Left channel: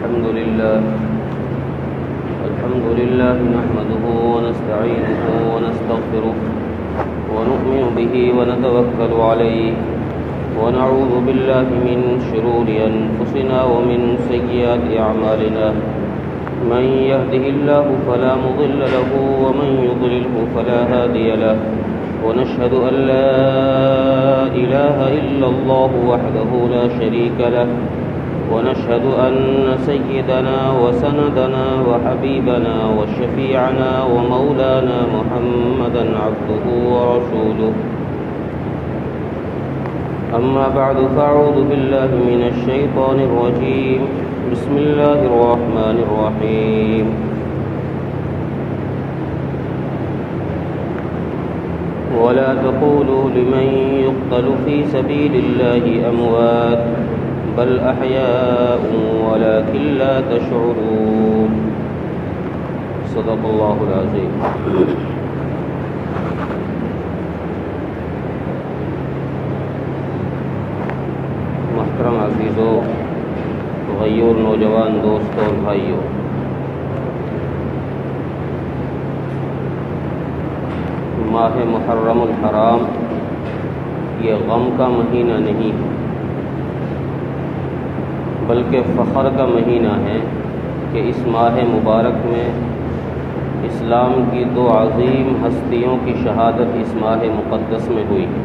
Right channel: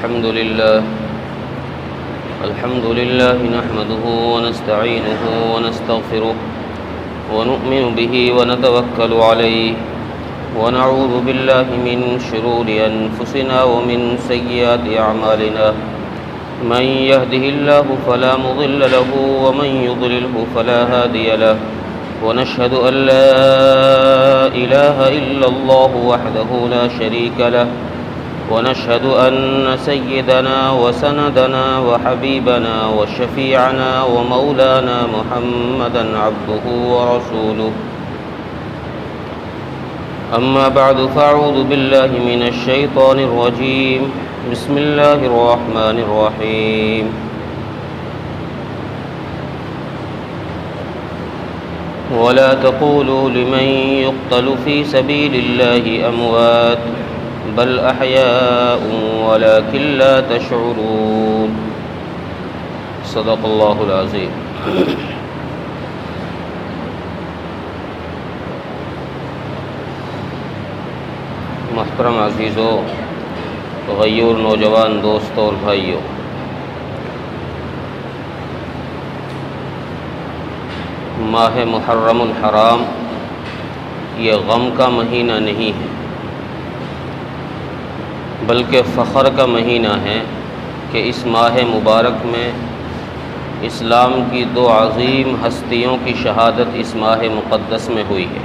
الحمد لله نحمده ونستعينه ونستغفره ونؤمن به ونتوكل عليه ونعوذ بالله من شرور أنفسنا ومن سيئات أعمالنا من يهده الله فلا مضل له ومن يضلله فلا هادي له ونشهد أن لا إله إلا الله وحده لا شريك له ونشهد أن سيدنا وسندنا وحبيبنا وشفيعنا ومولانا محمدا عبده ورسوله أما بعد فأعوذ بالله من الشيطان الرجيم بسم الله الرحمن الرحيم ولا تقولوا لمن يقتل في سبيل الله أموات بل أحياء ولكن لا تشعرون صدق الله العظيم. محترم عزیزو، غیور نوجوان دوستوں اور بھائیوں، ماہ محرم الحرام یہ غم کا مہینہ نہیں ہے بلکہ فخر کا مہینہ ہے کہ اس ماہ مبارک میں اسلام کی دو عظیم ہستیوں کی شہادت اس ماہ مقدس میں ہوئی ہے۔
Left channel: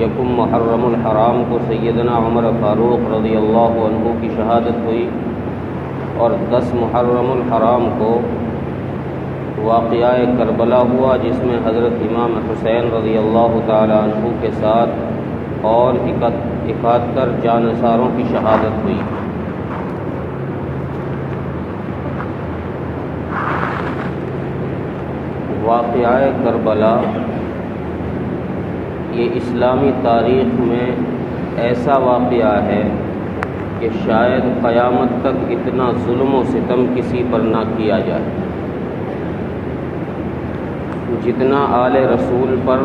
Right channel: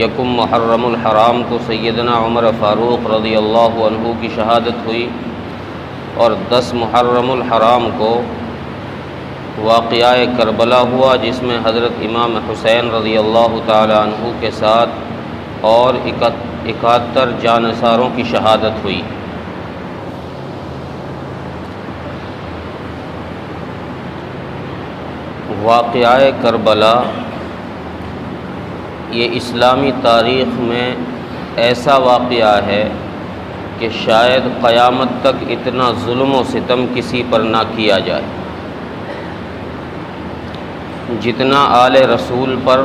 یکم محرم الحرام کو سیدنا عمر فاروق رضی اللہ عنہ کی شہادت ہوئی، اور 10 محرم الحرام کو واقعہ کربلا ہوا، جس میں حضرت امام حسین رضی اللہ تعالی عنہ کے ساتھ اور 71 جانثاروں کی شہادت ہوئی۔ واقعہ کربلا یہ اسلامی تاریخ میں ایسا واقعہ ہے کہ شاید قیامت تک اتنا ظلم و ستم کسی پر نہ کیا جائے جتنا آل رسول پر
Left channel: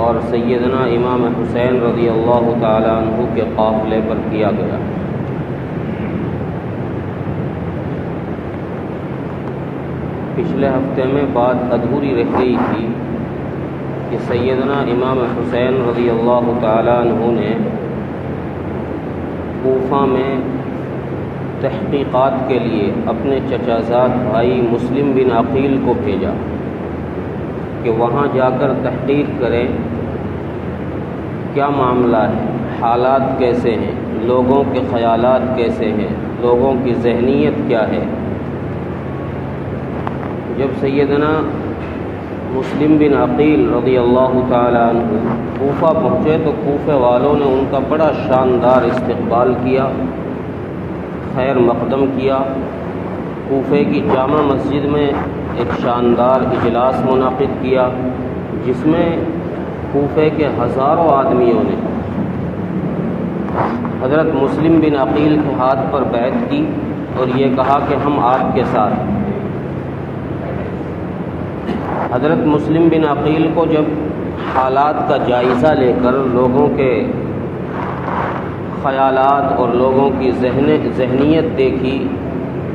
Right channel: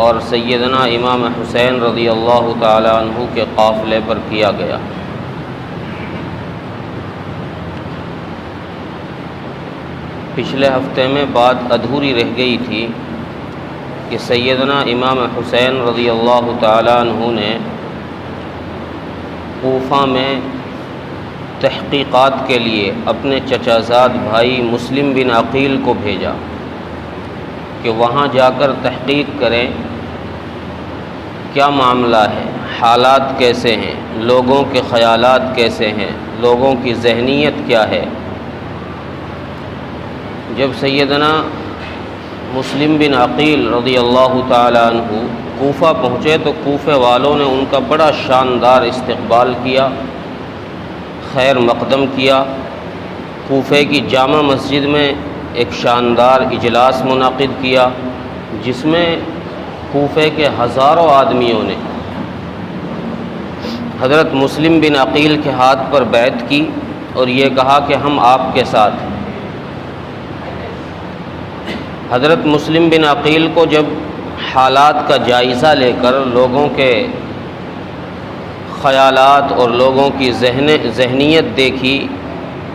اور سیدنا امام حسین رضی اللہ تعالی عنہ کے قافلے پر کیا گیا۔ پچھلے ہفتے میں بات ادھوری رہ گئی تھی کہ سیدنا امام حسین رضی اللہ تعالی عنہ نے کوفہ میں تحقیقات کے لیے اپنے چچا زاد بھائی مسلم بن عقیل کو بھیجا کہ وہاں جا کر تحقیق کریں کیا معاملہ ہے، حالات کیسے ہیں، لوگوں کے خیالات کیسے ہیں، لوگوں کی ذہنیت کیا ہے۔ جب سیدنا مسلم بن عقیل رضی اللہ تعالی عنہ کوفہ پہنچے تو کوفہ والوں نے ان کا بڑا شاندار استقبال کیا، خیر مقدم کیا۔ کوفے کی جامع مسجد میں ایک شاندار اجلاس منعقد کیا، جس میں کوفے کے ہزاروں آدمیوں نے حضرت مسلم بن عقیل کے ہاتھ پر بیعت کی اور یہ کہا کہ ہم آپ کے ساتھ ہیں۔ حضرت مسلم بن عقیل کو جب حالات کا جائزہ لے کر لوگوں کے خیالات اور لوگوں کی ذہنیت دیکھی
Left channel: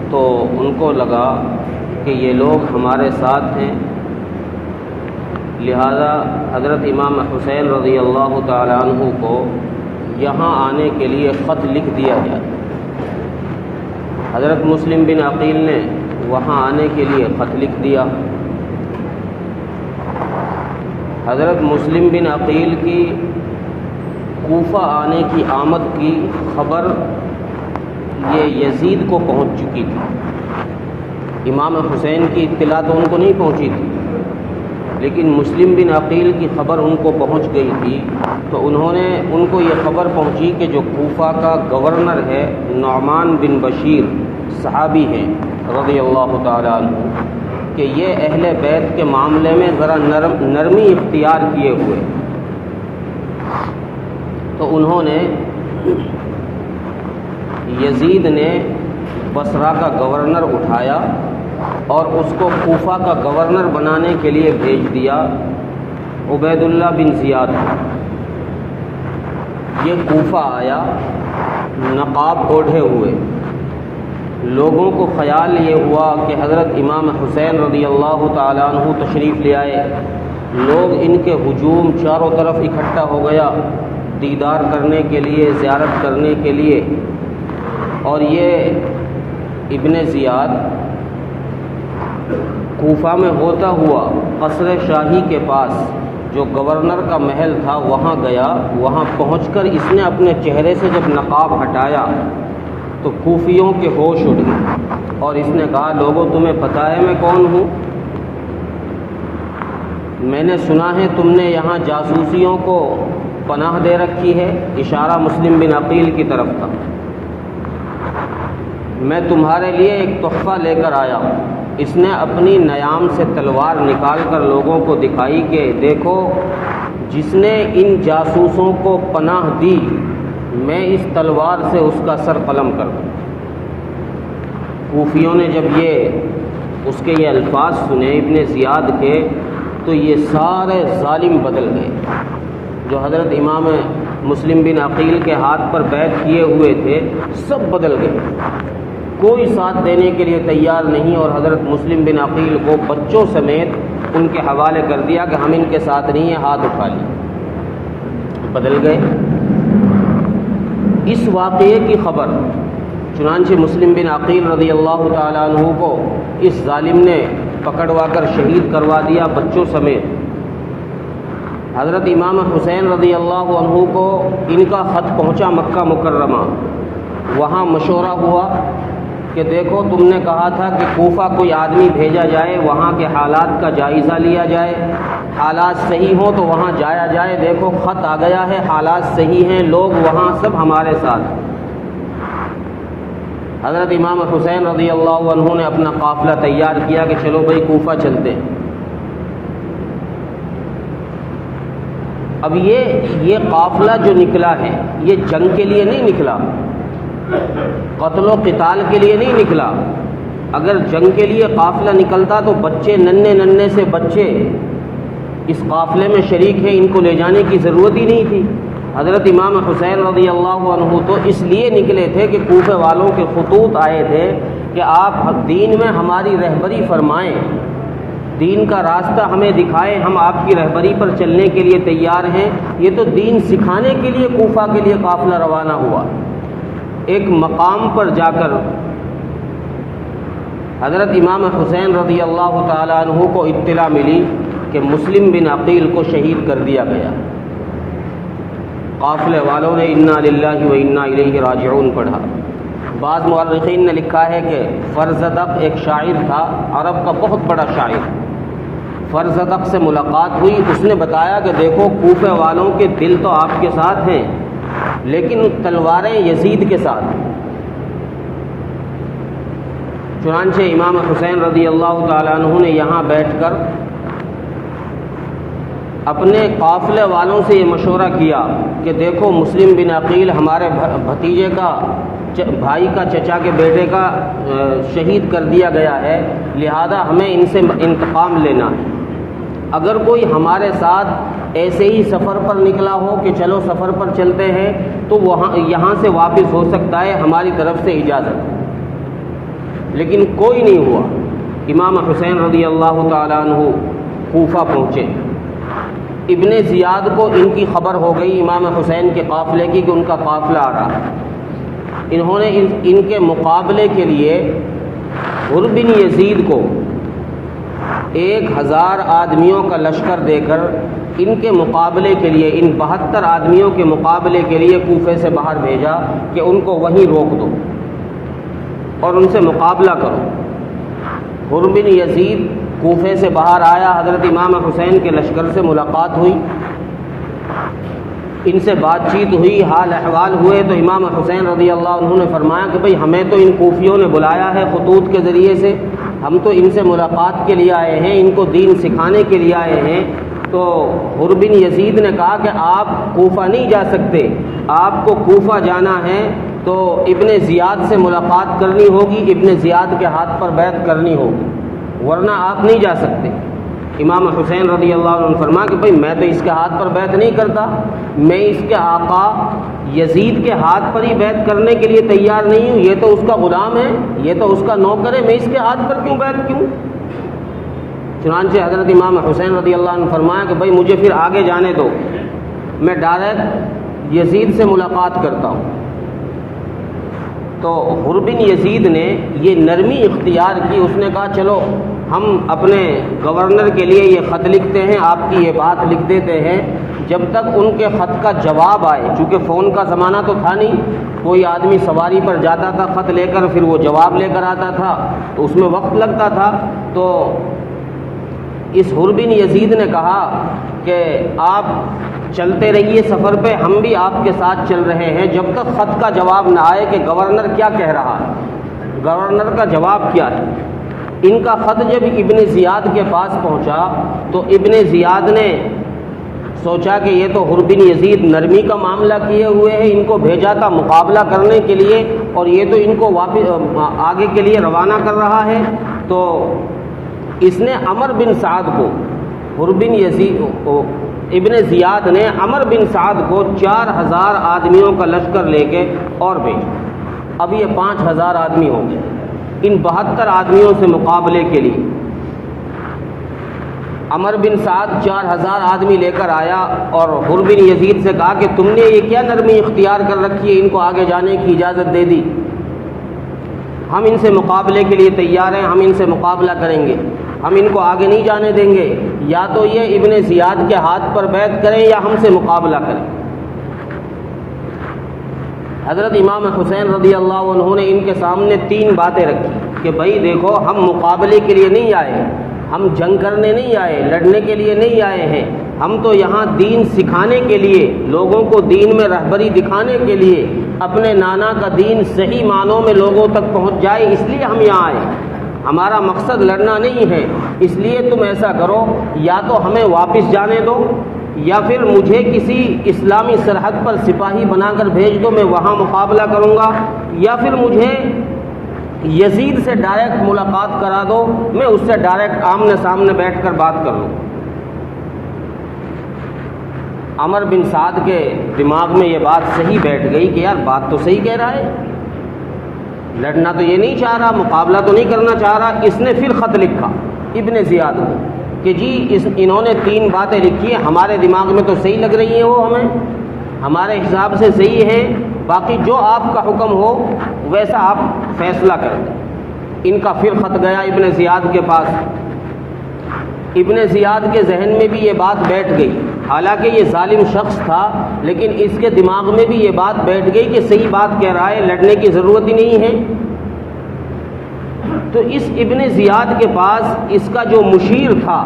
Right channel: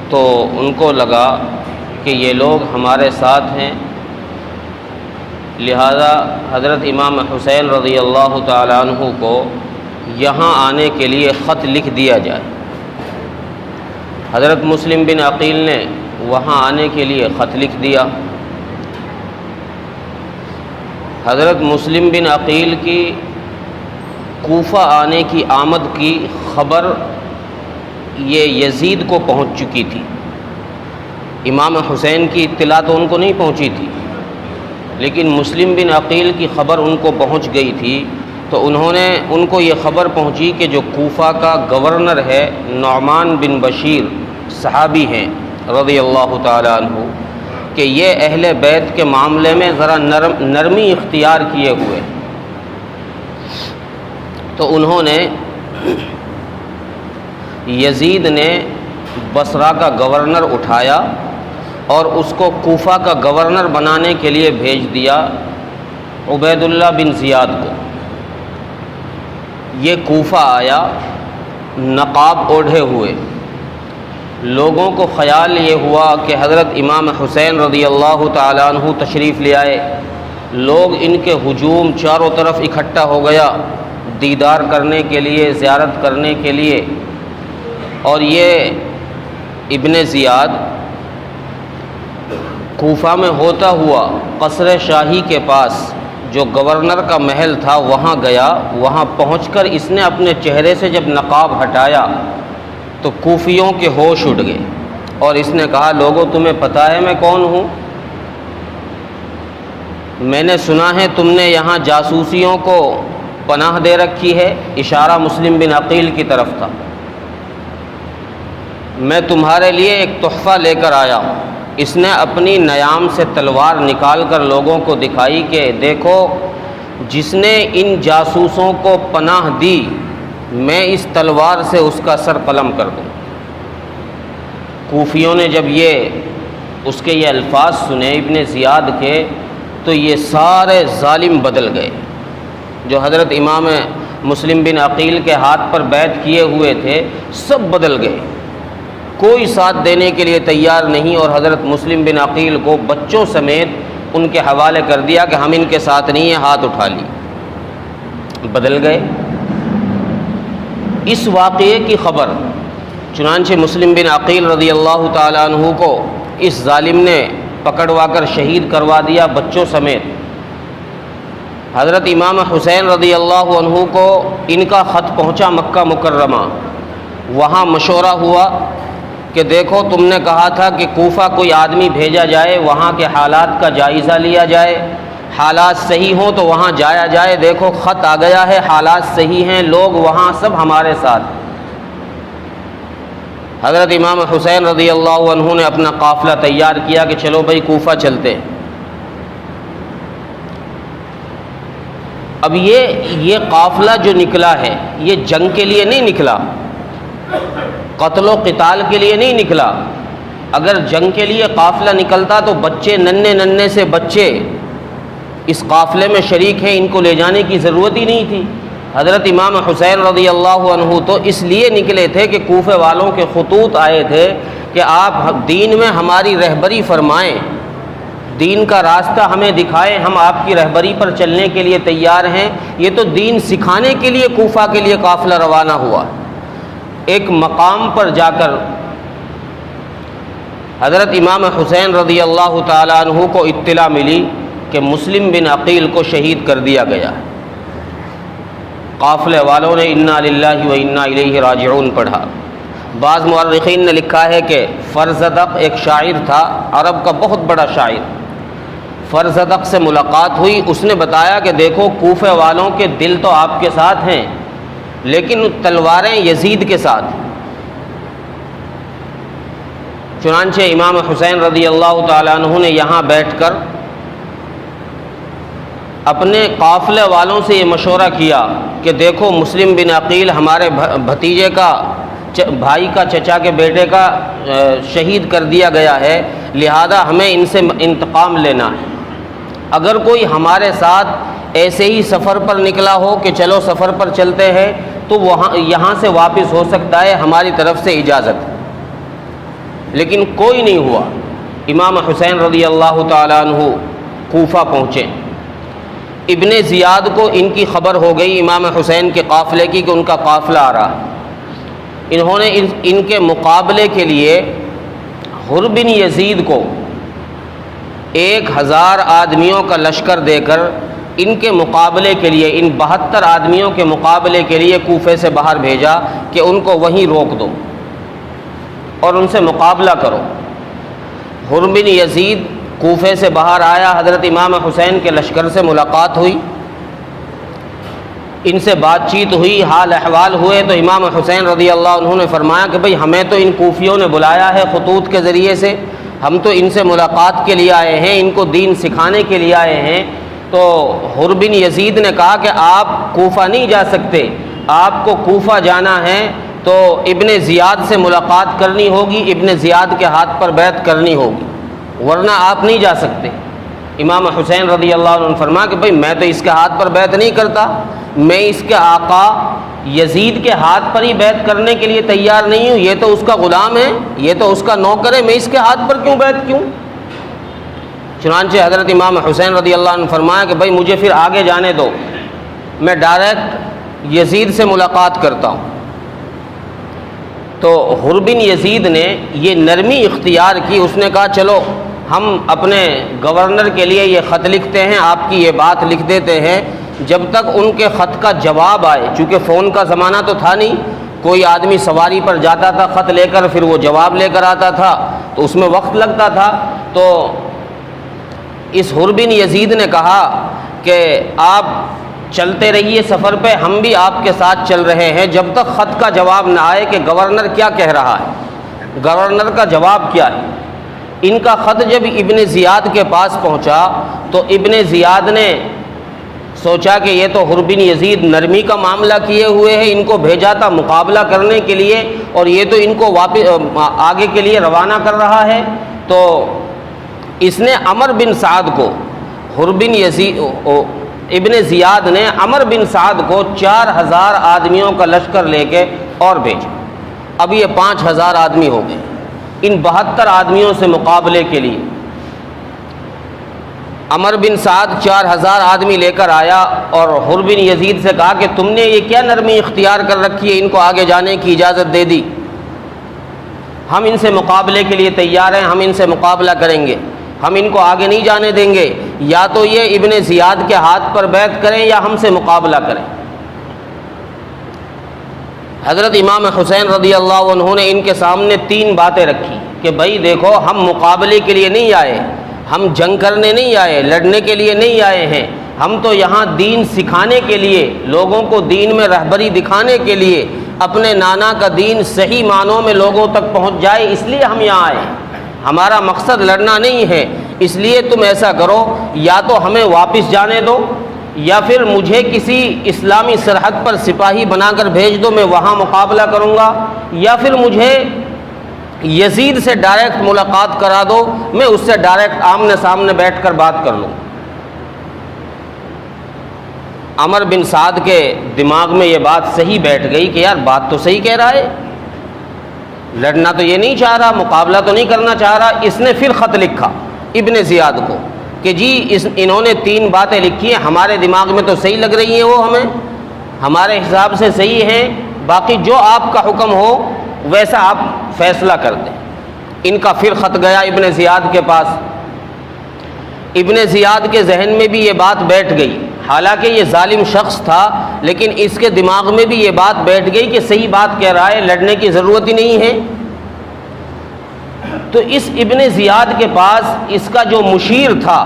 تو ان کو لگا کہ یہ لوگ ہمارے ساتھ ہیں، لہذا حضرت امام حسین رضی اللہ تعالی عنہ کو یہاں آنے کے لیے خط لکھ دیا جائے۔ حضرت مسلم بن عقیل نے وہاں آنے کے لیے خط لکھ دیا۔ حضرت مسلم بن عقیل کی کوفہ آنے کی آمد کی خبر یہ یزید کو پہنچ چکی تھی، امام حسین کی اطلاع تو ان کو نہیں پہنچی تھی، لیکن مسلم بن عقیل کی خبر ان کو پہنچ گئی تھی۔ تو ان کو یہ خبر پہنچی کہ جو کوفہ کا گورنر ہے نعمان بن بشیر صحابی ہیں رضی اللہ تعالی عنہ، کہ یہ اہل بیت کے معاملے میں ذرا نرمی اختیار کیے ہوئے، تو انہوں نے یزید نے بصرہ کا گورنر اٹھایا اور اس کو کوفہ کا گورنر بنانے کے لیے بھیج دیا عبید اللہ بن زیاد کو۔ یہ کوفہ آیا نقاب اوڑھے ہوئے۔ لوگوں کو خیال یہ ہوا کہ حضرت امام حسین رضی اللہ تعالیٰ عنہ تشریف لے آئے۔ لوگ ان کے ہجوم چاروں طرف اکٹھا ہو گیا دیدار کرنے کے لیے، زیارت کرنے کے لیے۔ اور یہ ابن زیاد کوفہ میں ہوتا ہوا قصر شاہی کے پاس جو گورنر کا محل تھا وہاں گیا۔ وہاں پہنچ کر اس نے اپنے چہرے سے جب نقاب ہٹایا تو کوفیوں کے ہوش اڑ گئے، اور اس نے کہا لوگوں تمہیں پتہ ہے میں کون ہوں؟ میں نے سنا ہے تم نے یہاں جاسوسیوں کو پناہ دے رکھی ہے۔ اشارہ مسلم بن عقیل کی طرف تھا۔ میں تمہارے لیے ایک تحفہ لے کر آیا ہوں۔ اس نے اپنی نیام سے تلوار نکال کر لوگوں کو دکھائی کہ دیکھو، جس نے ان جاسوسوں کو پناہ دی میں اس تلوار سے اس کا سر قلم کر دوں۔ کوفیوں نے جب اس کے یہ الفاظ سنے ابن زیاد کے، تو یہ سارے ظالم بدل گئے جو حضرت امام مسلم بن عقیل کے ہاتھ پر بیعت کیے ہوئے تھے، سب بدل گئے، کوئی ساتھ دینے کے لیے تیار نہیں، اور حضرت مسلم بن عقیل کو بچوں سمیت ان کے حوالے کر دیا کہ ہم ان کے ساتھ نہیں ہیں، ہاتھ اٹھا لیے، بدل گئے۔ اس واقعے کی خبر چنانچہ مسلم بن عقیل رضی اللہ تعالیٰ عنہ کو اس ظالم نے پکڑوا کر شہید کروا دیا بچوں سمیت۔ حضرت امام حسین رضی اللہ عنہ کو ان کا خط پہنچا مکہ مکرمہ۔ وہاں مشورہ ہوا کہ دیکھو تم نے کہا تھا کہ کوفہ کوئی آدمی بھیجا جائے، وہاں کے حالات کا جائزہ لیا جائے، حالات صحیح ہوں تو وہاں جایا جائے۔ دیکھو خط آ گیا ہے، حالات صحیح ہیں، لوگ وہاں سب ہمارے ساتھ۔ حضرت امام حسین رضی اللہ عنہ نے اپنا قافلہ تیار کیا کہ چلو بھائی کوفہ چلتے ہیں۔ اب یہ قافلہ جو نکلا ہے یہ جنگ کے لیے نہیں نکلا، قتل و قتال کے لیے نہیں نکلا۔ اگر جنگ کے لیے قافلہ نکلتا تو بچے ننھے سے بچے اس قافلے میں شریک ہیں، ان کو لے جانے کی ضرورت ہی نہیں تھی۔ حضرت امام حسین رضی اللہ عنہ تو اس لیے نکلے تھے کہ کوفہ والوں کے خطوط آئے تھے کہ آپ دین میں ہماری رہبری فرمائیں، دین کا راستہ ہمیں دکھائیں، ہم آپ کی رہبری پر چلنے کے لیے تیار ہیں۔ یہ تو دین سکھانے کے لیے کوفہ کے لیے قافلہ روانہ ہوا۔ ایک مقام پر جا کر حضرت امام حسین رضی اللہ تعالیٰ عنہ کو اطلاع ملی کہ مسلم بن عقیل کو شہید کر دیا گیا۔ قافلے والوں نے انا للہ و انا الیہ راجعون پڑھا۔ بعض مورخین نے لکھا ہے کہ فرزدق ایک شاعر تھا، عرب کا بہت بڑا شاعر۔ فرزدق سے ملاقات ہوئی، اس نے بتایا کہ دیکھو کوفہ والوں کے دل تو آپ کے ساتھ ہیں لیکن تلواریں یزید کے ساتھ۔ چنانچہ امام حسین رضی اللہ تعالیٰ عنہ نے یہاں بیٹھ کر اپنے قافلے والوں سے یہ مشورہ کیا کہ دیکھو مسلم بن عقیل ہمارے بھتیجے کا، بھائی کا، چچا کے بیٹے کا شہید کر دیا گیا ہے، لہذا ہمیں ان سے انتقام لینا ہے۔ اگر کوئی ہمارے ساتھ ایسے ہی سفر پر نکلا ہو کہ چلو سفر پر چلتے ہیں تو یہاں سے واپس ہو سکتا ہے، ہماری طرف سے اجازت ہے۔ لیکن کوئی نہیں ہوا۔ امام حسین رضی اللہ تعالیٰ عنہ کوفہ پہنچے۔ ابن زیاد کو ان کی خبر ہو گئی امام حسین کے قافلے کی کہ ان کا قافلہ آ رہا ہے۔ انہوں نے ان کے مقابلے کے لیے حر بن یزید کو 1000 آدمیوں کا لشکر دے کر ان کے مقابلے کے لیے، ان 72 آدمیوں کے مقابلے کے لیے کوفے سے باہر بھیجا کہ ان کو وہیں روک دو اور ان سے مقابلہ کرو۔ حر بن یزید کوفے سے باہر آیا، حضرت امام حسین کے لشکر سے ملاقات ہوئی، ان سے بات چیت ہوئی، حال احوال ہوئے، تو امام حسین رضی اللہ عنہ نے فرمایا کہ بھئی ہمیں تو ان کوفیوں نے بلایا ہے خطوط کے ذریعے سے، ہم تو ان سے ملاقات کے لیے آئے ہیں، ان کو دین سکھانے کے لیے آئے ہیں۔ تو حر بن یزید نے کہا کہ آپ کوفہ نہیں جا سکتے، آپ کو کوفہ جانا ہے تو ابن زیاد سے ملاقات کرنی ہوگی، ابن زیاد کے ہاتھ پر بیعت کرنی ہوگی، ورنہ آپ نہیں جا سکتے۔ امام حسین رضی اللہ عنہ نے فرمایا کہ بھئی میں تو اس کے ہاتھ پر بیعت نہیں کرتا، میں اس کے آقا یزید کے ہاتھ پر ہی بیعت کرنے کے لیے تیار نہیں ہوں، یہ تو اس کا غلام ہے، یہ تو اس کا نوکر ہے، میں اس کے ہاتھ پر کیوں بیعت کیوں؟ چنانچہ حضرت امام حسین رضی اللہ عنہ فرمایا کہ بھائی مجھے پھر آگے جانے دو، میں ڈائریکٹ یزید سے ملاقات کرتا ہوں۔ تو حر بن یزید نے یہ نرمی اختیار کی، اس نے کہا چلو ہم اپنے گورنر کے لیے یہ خط لکھتے ہیں، آپ کی یہ بات لکھ دیتے ہیں، جب تک ان کے خط کا جواب آئے، چونکہ فون کا زمانہ تو تھا نہیں، کوئی آدمی سواری پر جاتا تھا خط لے کر، پھر وہ جواب لے کر آتا تھا، تو اس میں وقت لگتا تھا۔ تو اس حر بن یزید نے کہا کہ آپ چلتے رہیے سفر پہ، ہم بھی آپ کے ساتھ چل رہے ہیں، جب تک خط کا جواب نہ آئے کہ گورنر کیا کہہ رہا ہے، گورنر کا جواب کیا ہے۔ ان کا خط جب ابن زیاد کے پاس پہنچا تو ابن زیاد نے سوچا کہ یہ تو حر بن یزید نرمی کا معاملہ کیے ہوئے ہیں، ان کو بھیجا تھا مقابلہ کرنے کے لیے، اور یہ تو ان کو واپس آگے کے لیے روانہ کر رہا ہے۔ تو اس نے عمر بن سعد کو، حر بن یزید ابن زیاد نے عمر بن سعد کو 4000 آدمیوں کا لشکر لے کے اور بھیجا۔ اب یہ 5000 آدمی ہو گئے ان 72 آدمیوں سے مقابلے کے لیے۔ عمر بن سعد 4000 آدمی لے کر آیا اور حر بن یزید سے کہا کہ تم نے یہ کیا نرمی اختیار کر رکھی ہے، ان کو آگے جانے کی اجازت دے دی، ہم ان سے مقابلے کے لیے تیار ہیں، ہم ان سے مقابلہ کریں گے، ہم ان کو آگے نہیں جانے دیں گے، یا تو یہ ابن زیاد کے ہاتھ پر بیعت کریں یا ہم سے مقابلہ کریں۔ حضرت امام حسین رضی اللہ عنہ نے ان کے سامنے 3 باتیں رکھی کہ بھائی دیکھو، ہم مقابلے کے لیے نہیں آئے، ہم جنگ کرنے نہیں آئے، لڑنے کے لیے نہیں آئے ہیں، ہم تو یہاں دین سکھانے کے لیے، لوگوں کو دین میں رہبری دکھانے کے لیے، اپنے نانا کا دین صحیح معنوں میں لوگوں تک پہنچ جائے، اس لیے ہم یہاں آئے، ہمارا مقصد لڑنا نہیں ہے۔ اس لیے تم ایسا کرو، یا تو ہمیں واپس جانے دو، یا پھر مجھے کسی اسلامی سرحد پر سپاہی بنا کر بھیج دو، میں وہاں مقابلہ کروں گا، یا پھر مجھے یزید سے ڈائریکٹ ملاقات کرا دو، میں اس سے ڈائریکٹ آمنے سامنے بیٹھ کر بات کر لوں۔ عمر بن سعد کے دماغ میں یہ بات صحیح بیٹھ گئی کہ یار بات تو صحیح کہہ رہا ہے، لڑنا تو یہ نہیں چاہ رہا، مقابلہ تو نہیں کرنا چاہ رہا۔ اس نے پھر خط لکھا ابن زیاد کو کہ جی انہوں نے 3 باتیں لکھی ہیں، ہمارے دماغ میں تو صحیح لگ رہی ہیں، وہ ہمیں ہمارے حساب سے صحیح ہیں، باقی جو آپ کا حکم ہو ویسا آپ فیصلہ کر دیں۔ ان کا پھر خط گیا ابن زیاد کے پاس۔ ابن زیاد کے ذہن میں بھی یہ بات بیٹھ گئی، حالانکہ یہ ظالم شخص تھا، لیکن اس کے دماغ میں بھی یہ بات بیٹھ گئی کہ صحیح بات کہہ رہا ہے، لڑنے کی ضرورت ہی نہیں ہے۔ تو اس ابن زیاد کے پاس اس کا جو مشیر تھا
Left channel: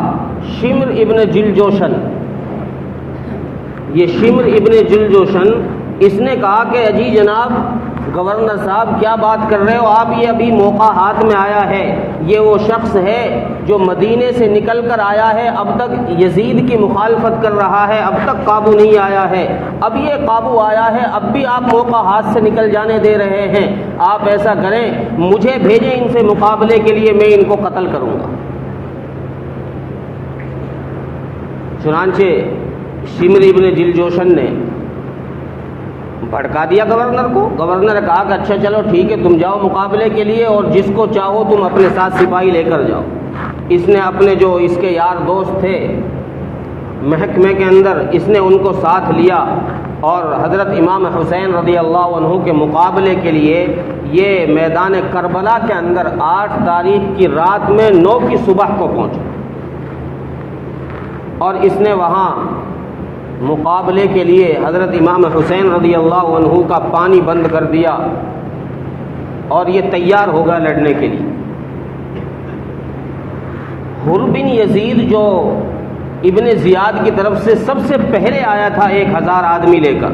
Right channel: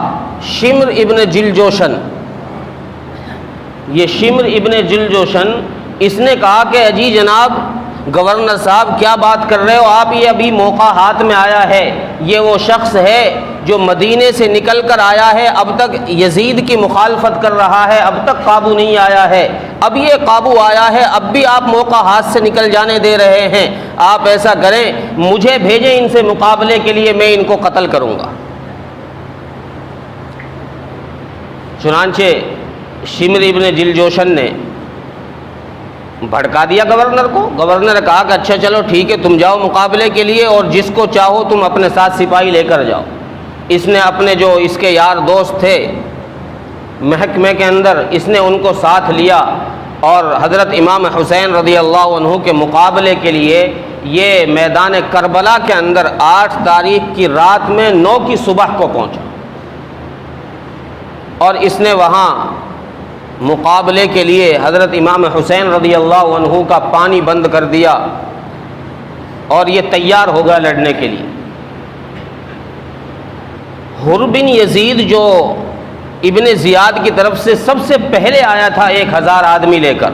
شمر ابن جلجوشن، یہ شمر ابن جلجوشن، اس نے کہا کہ اجی جناب گورنر صاحب کیا بات کر رہے ہو آپ، یہ ابھی موقع ہاتھ میں آیا ہے، یہ وہ شخص ہے جو مدینے سے نکل کر آیا ہے، اب تک یزید کی مخالفت کر رہا ہے، اب تک قابو نہیں آیا ہے، اب یہ قابو آیا ہے، اب بھی آپ موقع ہاتھ سے نکل جانے دے رہے ہیں، آپ ایسا کریں مجھے بھیجیں ان سے مقابلے کے لیے، میں ان کو قتل کروں گا۔ چنانچہ شمر ابن جلجوشن نے بھڑکا دیا گورنر کو۔ گورنر نے کہا کہ اچھا چلو ٹھیک ہے، تم جاؤ مقابلے کے لیے اور جس کو چاہو تم اپنے ساتھ سپاہی لے کر جاؤ۔ اس نے اپنے جو اس کے یار دوست تھے محکمے کے اندر، اس نے ان کو ساتھ لیا اور حضرت امام حسین رضی اللہ عنہ کے مقابلے کے لیے یہ میدان کربلا کے اندر 8 تاریخ کی رات میں 9 کی صبح کو پہنچا، اور اس نے وہاں مقابلے کے لیے حضرت امام حسین رضی اللہ عنہ کا پانی بند کر دیا اور یہ تیار ہو گیا لڑنے کے لیے۔ حر بن یزید جو ابن زیاد کی طرف سے سب سے پہلے آیا تھا 1000 آدمی لے کر،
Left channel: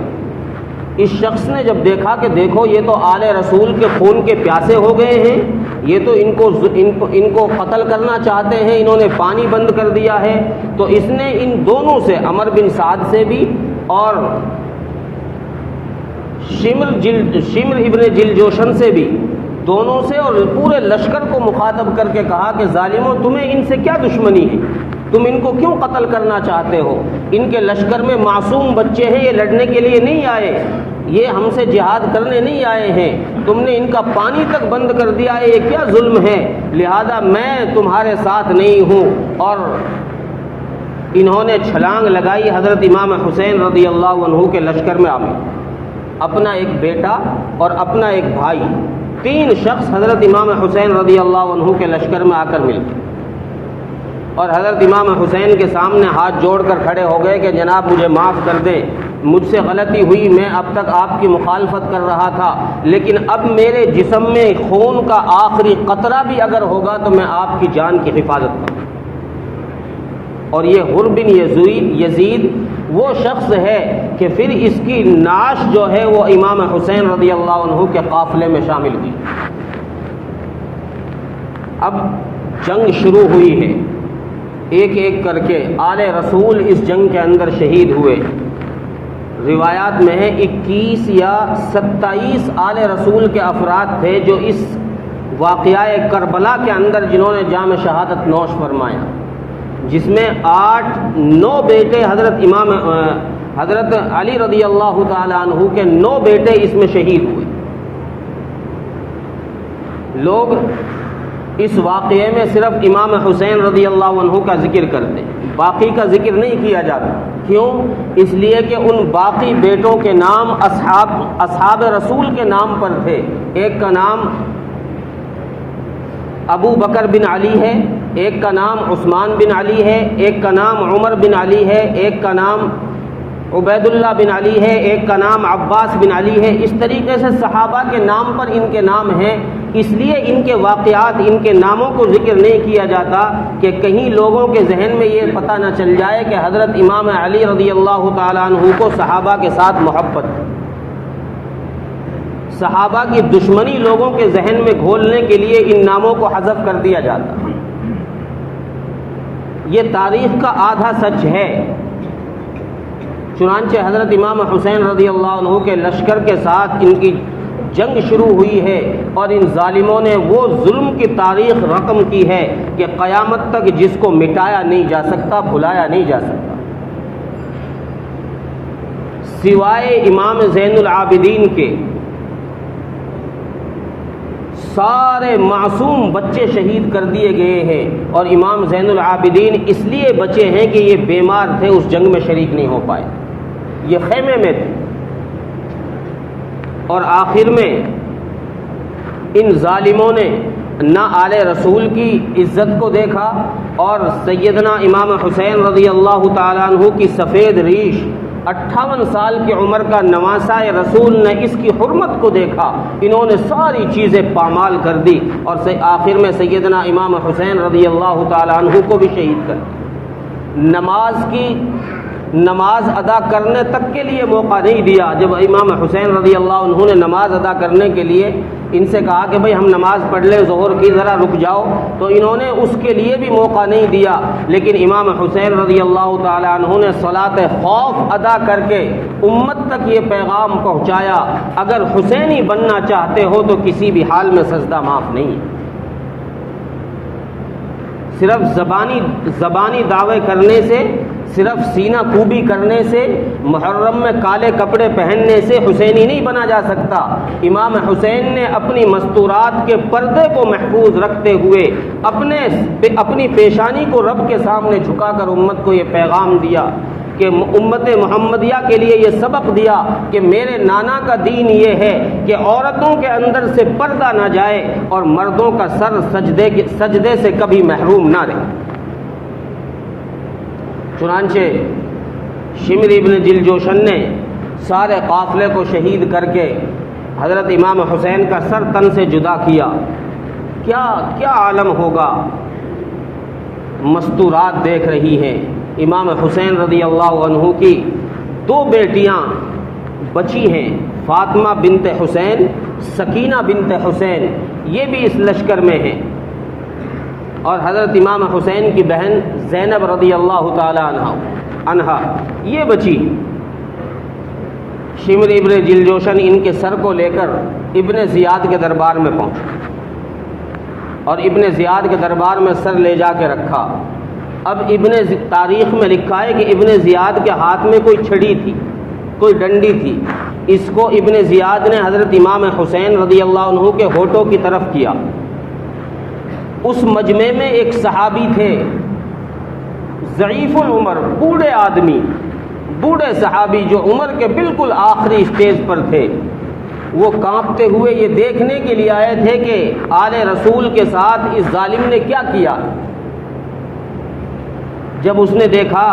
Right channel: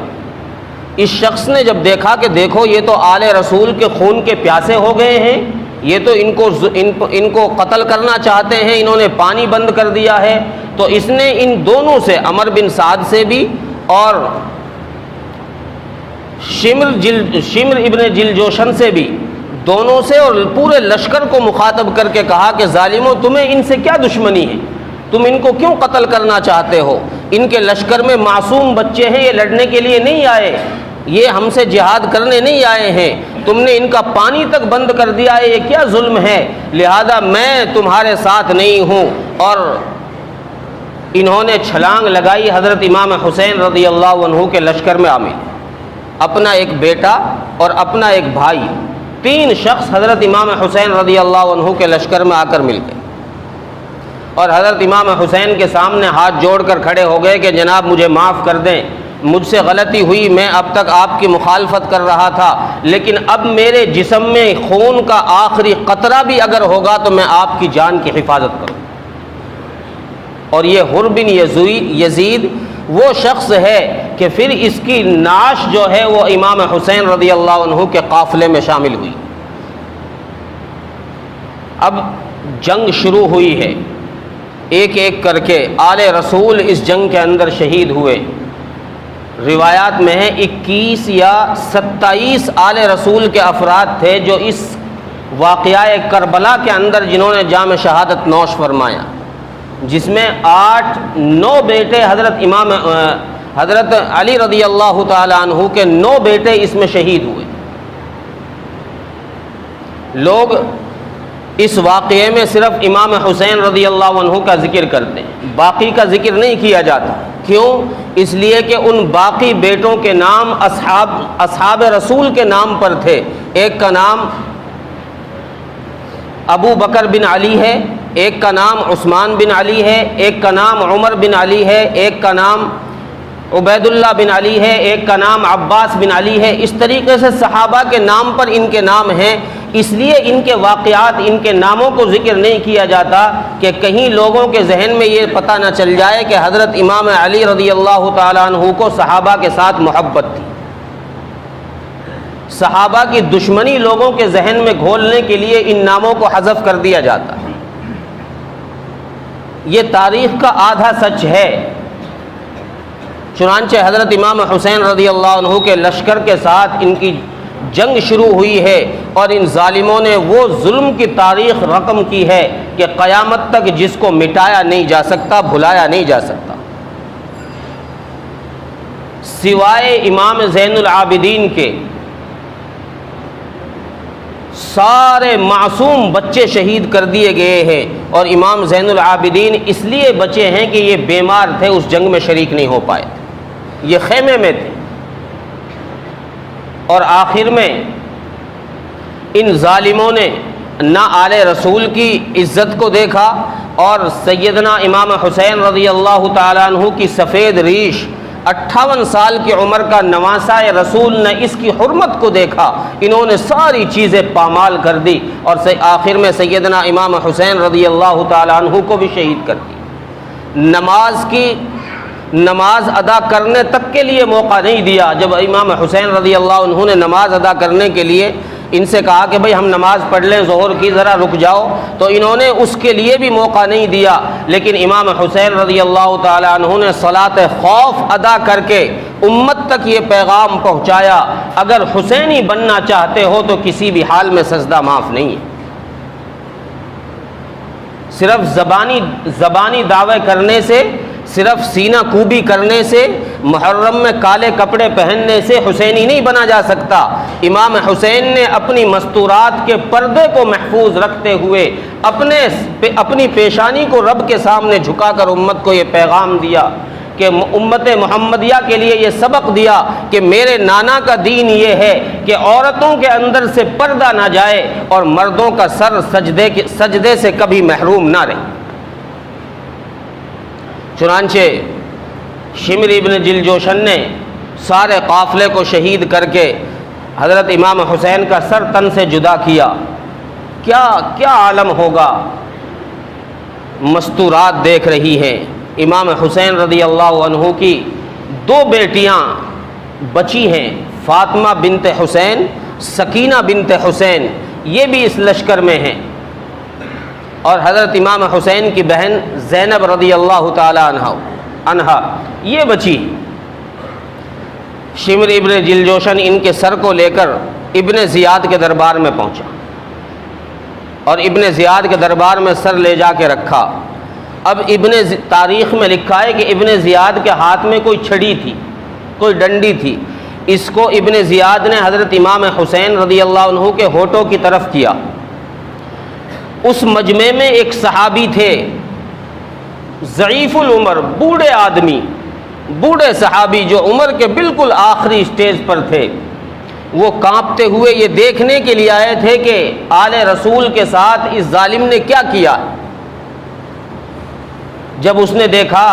اس شخص نے جب دیکھا کہ دیکھو یہ تو آل رسول کے خون کے پیاسے ہو گئے ہیں، یہ تو ان کو قتل کرنا چاہتے ہیں، انہوں نے پانی بند کر دیا ہے، تو اس نے ان دونوں سے، عمر بن سعد سے بھی اور شمر ابن جلجوشن سے بھی، دونوں سے اور پورے لشکر کو مخاطب کر کے کہا کہ ظالموں تمہیں ان سے کیا دشمنی ہے، تم ان کو کیوں قتل کرنا چاہتے ہو، ان کے لشکر میں معصوم بچے ہیں، یہ لڑنے کے لیے نہیں آئے، یہ ہم سے جہاد کرنے نہیں آئے ہیں، تم نے ان کا پانی تک بند کر دیا ہے، یہ کیا ظلم ہے، لہذا میں تمہارے ساتھ نہیں ہوں۔ اور انہوں نے چھلانگ لگائی، حضرت امام حسین رضی اللہ عنہ کے لشکر میں عامل، اپنا ایک بیٹا اور اپنا ایک بھائی، 3 شخص حضرت امام حسین رضی اللہ عنہ کے لشکر میں آ کر مل گئے، اور حضرت امام حسین کے سامنے ہاتھ جوڑ کر کھڑے ہو گئے کہ جناب مجھے معاف کر دیں، مجھ سے غلطی ہوئی، میں اب تک آپ کی مخالفت کر رہا تھا، لیکن اب میرے جسم میں خون کا آخری قطرہ بھی اگر ہوگا تو میں آپ کی جان کی حفاظت کروں۔ اور یہ حر بن یزید وہ شخص ہے کہ پھر اس کی نعش جو ہے وہ امام حسین رضی اللہ عنہ کے قافلے میں شامل ہوئی۔ اب جنگ شروع ہوئی ہے، ایک ایک کر کے آل رسول اس جنگ کے اندر شہید ہوئے۔ روایات میں ہے 21 یا 27 آل رسول کے افراد تھے جو اس واقعہ کربلا کے اندر جنہوں نے جام شہادت نوش فرمایا، جس میں 8-9 بیٹے حضرت علی رضی اللہ تعالی عنہ کے 9 بیٹے اس میں شہید ہوئے۔ لوگ اس واقعے میں صرف امام حسین رضی اللہ عنہ کا ذکر کرتے ہیں، باقی کا ذکر نہیں کیا جاتا۔ کیوں؟ اس لیے کہ ان باقی بیٹوں کے نام اصحاب رسول کے نام پر تھے۔ ایک کا نام ابو بکر بن علی ہے، ایک کا نام عثمان بن علی ہے، ایک کا نام عمر بن علی ہے، ایک کا نام عبید اللہ بن علی ہے، ایک کا نام عباس بن علی ہے۔ اس طریقے سے صحابہ کے نام پر ان کے نام ہیں، اس لیے ان کے واقعات، ان کے ناموں کو ذکر نہیں کیا جاتا کہ کہیں لوگوں کے ذہن میں یہ پتہ نہ چل جائے کہ حضرت امام علی رضی اللہ تعالیٰ عنہ کو صحابہ کے ساتھ محبت تھی۔ صحابہ کی دشمنی لوگوں کے ذہن میں گھولنے کے لیے ان ناموں کو حذف کر دیا جاتا۔ یہ تاریخ کا آدھا سچ ہے۔ چنانچہ حضرت امام حسین رضی اللہ عنہ کے لشکر کے ساتھ ان کی جنگ شروع ہوئی ہے، اور ان ظالموں نے وہ ظلم کی تاریخ رقم کی ہے کہ قیامت تک جس کو مٹایا نہیں جا سکتا، بھلایا نہیں جا سکتا۔ سوائے امام زین العابدین کے سارے معصوم بچے شہید کر دیے گئے ہیں، اور امام زین العابدین اس لیے بچے ہیں کہ یہ بیمار تھے، اس جنگ میں شریک نہیں ہو پائے، یہ خیمے میں تھے۔ اور آخر میں ان ظالموں نے نہ آل رسول کی عزت کو دیکھا، اور سیدنا امام حسین رضی اللہ تعالیٰ عنہ کی سفید ریش 58 سال کی عمر کا نواسہ رسول نے اس کی حرمت کو دیکھا، انہوں نے ساری چیزیں پامال کر دی، اور آخر میں سیدنا امام حسین رضی اللہ تعالیٰ عنہ کو بھی شہید کر دی۔ نماز ادا کرنے تک کے لیے موقع نہیں دیا۔ جب امام حسین رضی اللہ عنہ نے نماز ادا کرنے کے لیے ان سے کہا کہ بھئی ہم نماز پڑھ لیں ظہر کی، ذرا رک جاؤ، تو انہوں نے اس کے لیے بھی موقع نہیں دیا۔ لیکن امام حسین رضی اللہ تعالی عنہ نے صلاۃ خوف ادا کر کے امت تک یہ پیغام پہنچایا، اگر حسینی بننا چاہتے ہو تو کسی بھی حال میں سجدہ معاف نہیں ہے۔ صرف زبانی دعوے کرنے سے، صرف سینہ کوبی کرنے سے، محرم میں کالے کپڑے پہننے سے حسینی نہیں بنا جا سکتا۔ امام حسین نے اپنی مستورات کے پردے کو محفوظ رکھتے ہوئے اپنی پیشانی کو رب کے سامنے جھکا کر امت کو یہ پیغام دیا کہ امت محمدیہ کے لیے یہ سبق دیا کہ میرے نانا کا دین یہ ہے کہ عورتوں کے اندر سے پردہ نہ جائے اور مردوں کا سر سجدے سے کبھی محروم نہ رہے۔ چنانچہ شمر ابن جلجوشن نے سارے قافلے کو شہید کر کے حضرت امام حسین کا سر تن سے جدا کیا۔ کیا عالم ہوگا، مستورات دیکھ رہی ہیں۔ امام حسین رضی اللہ عنہ کی 2 بیٹیاں بچی ہیں، فاطمہ بنت حسین، سکینہ بنت حسین، یہ بھی اس لشکر میں ہیں، اور حضرت امام حسین کی بہن زینب رضی اللہ تعالی عنہا یہ بچی۔ شمر ابن جلجوشن ان کے سر کو لے کر ابن زیاد کے دربار میں پہنچا، اور ابن زیاد کے دربار میں سر لے جا کے رکھا۔ اب تاریخ میں لکھا ہے کہ ابن زیاد کے ہاتھ میں کوئی چھڑی تھی، کوئی ڈنڈی تھی، اس کو ابن زیاد نے حضرت امام حسین رضی اللہ عنہ کے ہونٹوں کی طرف کیا۔ اس مجمع میں ایک صحابی تھے ضعیف العمر، بوڑھے آدمی، بوڑھے صحابی جو عمر کے بالکل آخری سٹیج پر تھے۔ وہ کانپتے ہوئے یہ دیکھنے کے لیے آئے تھے کہ آل رسول کے ساتھ اس ظالم نے کیا کیا۔ جب اس نے دیکھا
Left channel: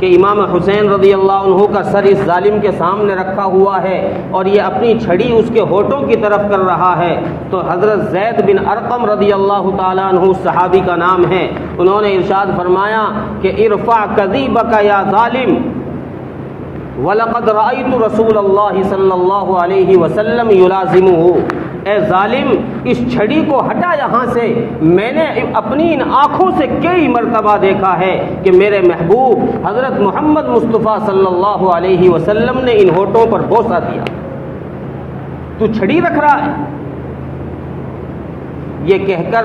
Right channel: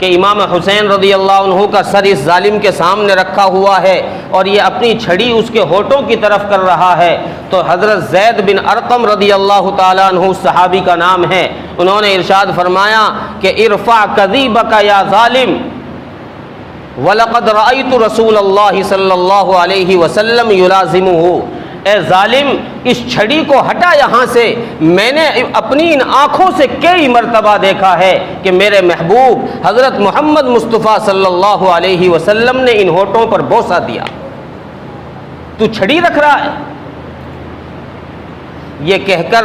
کہ امام حسین رضی اللہ عنہ کا سر اس ظالم کے سامنے رکھا ہوا ہے اور یہ اپنی چھڑی اس کے ہونٹوں کی طرف کر رہا ہے، تو حضرت زید بن ارقم رضی اللہ تعالیٰ عنہ صحابی کا نام ہے، انہوں نے ارشاد فرمایا کہ ارفع کذیبک یا ظالم وَلَقَدْ رَأَيْتُ رَسُولَ اللَّهِ صلی اللہ علیہ وسلم يُلَازِمُهُ، اے ظالم اس چھڑی کو ہٹا یہاں سے، میں نے اپنی ان آنکھوں سے کئی مرتبہ دیکھا ہے کہ میرے محبوب حضرت محمد مصطفیٰ صلی اللہ علیہ وسلم نے ان ہونٹوں پر بوسہ دیا، تو چھڑی رکھ رہا ہے۔ یہ کہہ کر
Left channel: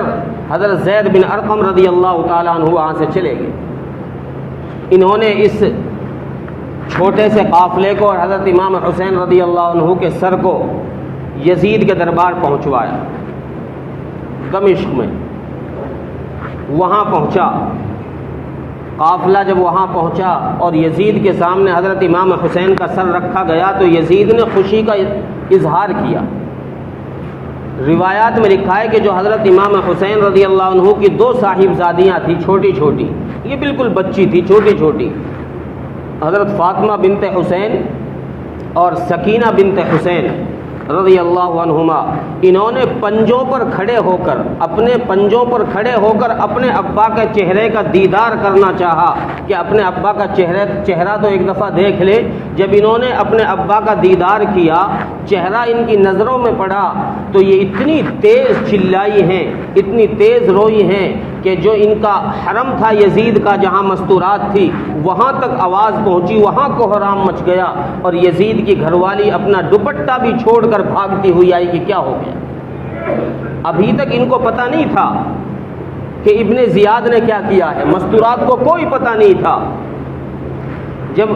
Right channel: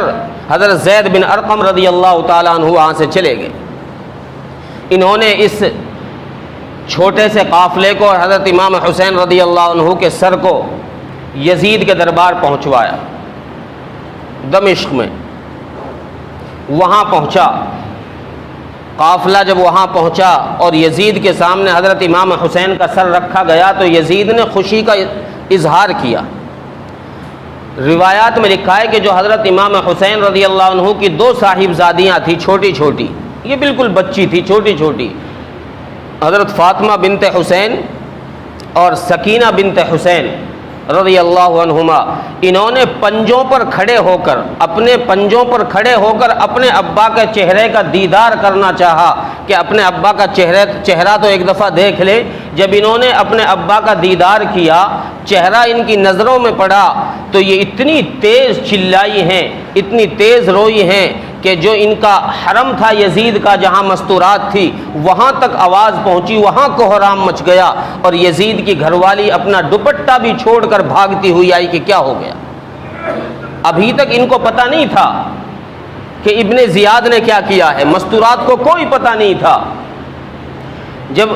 حضرت زید بن ارقم رضی اللہ تعالیٰ عنہ وہاں سے چلے گئے۔ انہوں نے اس چھوٹے سے قافلے کو اور حضرت امام حسین رضی اللہ عنہ کے سر کو یزید کے دربار پہنچوایا دمشق میں۔ وہاں پہنچا قافلہ، جب وہاں پہنچا اور یزید کے سامنے حضرت امام حسین کا سر رکھا گیا تو یزید نے خوشی کا اظہار کیا۔ روایات میں لکھا ہے کہ جو حضرت امام حسین رضی اللہ عنہ کی دو صاحبزادیاں تھیں چھوٹی چھوٹی، یہ بالکل بچی تھی چھوٹی چھوٹی، حضرت فاطمہ بنت حسین اور سکینہ بنت حسین رضی اللہ عنہما، انہوں نے پنجوں پر کھڑے ہو کر اپنے پنجوں پر کھڑے ہو کر اپنے ابا کے چہرے کا دیدار کرنا چاہا کہ اپنے ابا کا چہرہ تو ایک دفعہ دیکھ لے۔ جب انہوں نے اپنے ابا کا دیدار کیا، چہرہ ان کی نظروں میں پڑا تو یہ اتنی تیز چلائی ہیں، اتنی تیز روئی ہیں کہ جو ان کا حرم تھا یزید کا جہاں مستورات تھی وہاں تک آواز پہنچی، وہاں کوہرام مچ گیا، اور یزید کی گھر والی اپنا دوپٹہ بھی چھوڑ کر بھاگتی ہوئی آئی کہ کیا ہو گیا۔ ابھی تک ان کو پتہ نہیں تھا کہ ابن زیاد نے کیا کیا ہے، مستورات کو کوئی پتہ نہیں تھا۔ جب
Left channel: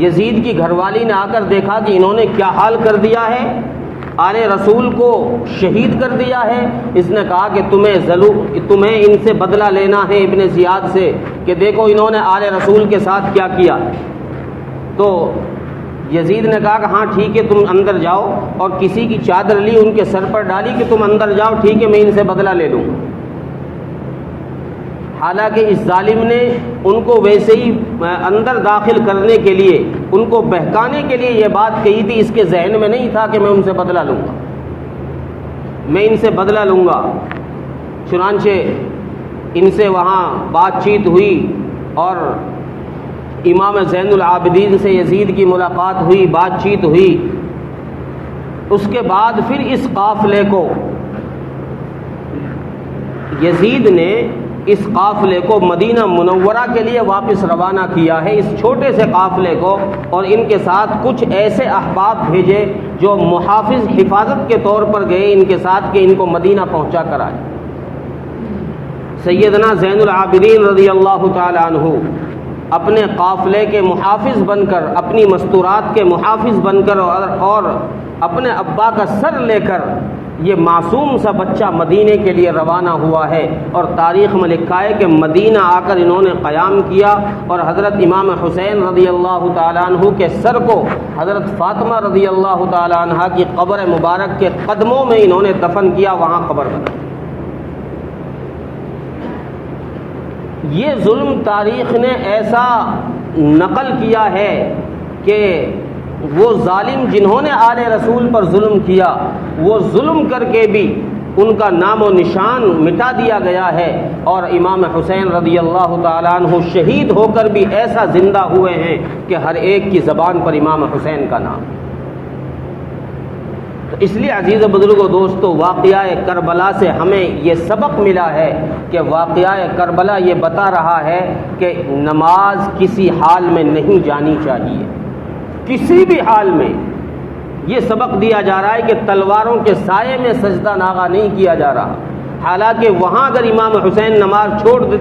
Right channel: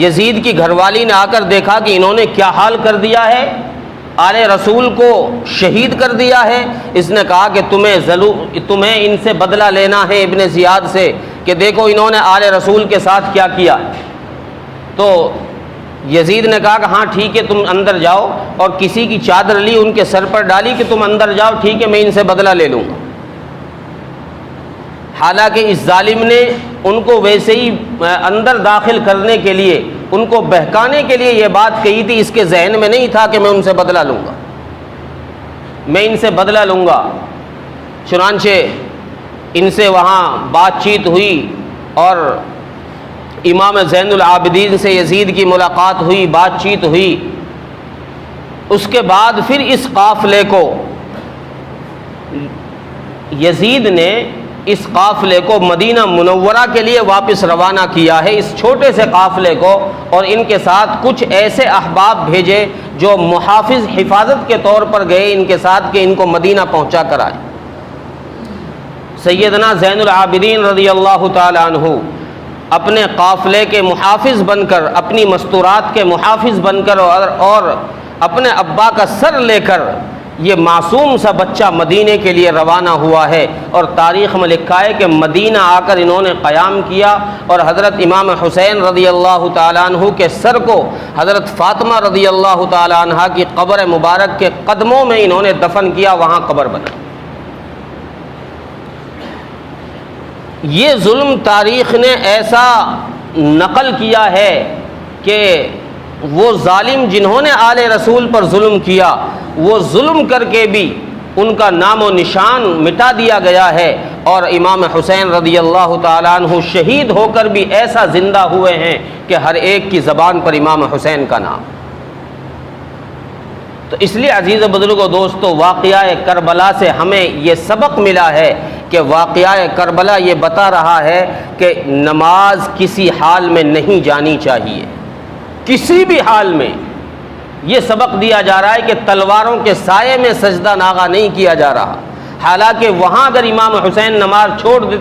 یزید کی گھر والی نے آ کر دیکھا کہ انہوں نے کیا حال کر دیا ہے، آل رسول کو شہید کر دیا ہے، اس نے کہا کہ تمہیں ان سے بدلہ لینا ہے ابن زیاد سے کہ دیکھو انہوں نے آل رسول کے ساتھ کیا کیا۔ تو یزید نے کہا کہ ہاں ٹھیک ہے تم اندر جاؤ، اور کسی کی چادر لی ان کے سر پر ڈالی کہ تم اندر جاؤ، ٹھیک ہے میں ان سے بدلہ لے لوں۔ حالانکہ اس ظالم نے ان کو ویسے ہی اندر داخل کرنے کے لیے، ان کو بہکانے کے لیے یہ بات کہی تھی، اس کے ذہن میں نہیں تھا کہ میں ان سے بدلہ لوں گا، میں ان سے بدلہ لوں گا۔ چنانچہ ان سے وہاں بات چیت ہوئی اور امام زین العابدین سے یزید کی ملاقات ہوئی، بات چیت ہوئی۔ اس کے بعد پھر اس قافلے کو یزید نے اس قافلے کو مدینہ منورہ کے لیے واپس روانہ کیا ہے، اس چھوٹے سے قافلے کو، اور ان کے ساتھ کچھ ایسے احباب بھیجے جو محافظ حفاظت کے طور پر گئے ان کے ساتھ کہ ان کو مدینہ پہنچا کر آئے۔ سیدنا زین العابدین رضی اللہ تعالی عنہ اپنے قافلے کے محافظ بن کر، اپنی مستورات کے محافظ بن کر اور اپنے ابا کا سر لے کر یہ معصوم سا بچہ مدینے کے لیے روانہ ہوا ہے، اور تاریخ میں لکھا ہے کہ مدینہ آ کر انہوں نے قیام کیا، اور حضرت امام حسین رضی اللہ تعالیٰ عنہ کے سر کو حضرت فاطمہ رضی اللہ تعالیٰ عنہ کی قبر مبارک کے قدموں میں انہوں نے دفن کیا، وہاں قبر بنائی۔ یہ ظلم تاریخ نے ایسا نقل کیا ہے کہ وہ ظالم جنہوں نے آل رسول پر ظلم کیا، وہ ظلم کر کے بھی ان کا نام و نشان مٹا دیا گیا ہے، اور امام حسین رضی اللہ تعالیٰ عنہ شہید ہو کر بھی ایسا زندہ ہوئے ہیں کہ ہر ایک کی زبان پر امام حسین کا نام۔ تو اس لیے عزیز بزرگوں دوستو، واقعہ کربلا سے ہمیں یہ سبق ملا ہے کہ واقعہ کربلا یہ بتا رہا ہے کہ نماز کسی حال میں نہیں جانی چاہیے، کسی بھی حال میں۔ یہ سبق دیا جا رہا ہے کہ تلواروں کے سائے میں سجدہ ناغہ نہیں کیا جا رہا، حالانکہ وہاں اگر امام حسین نماز چھوڑ دیتے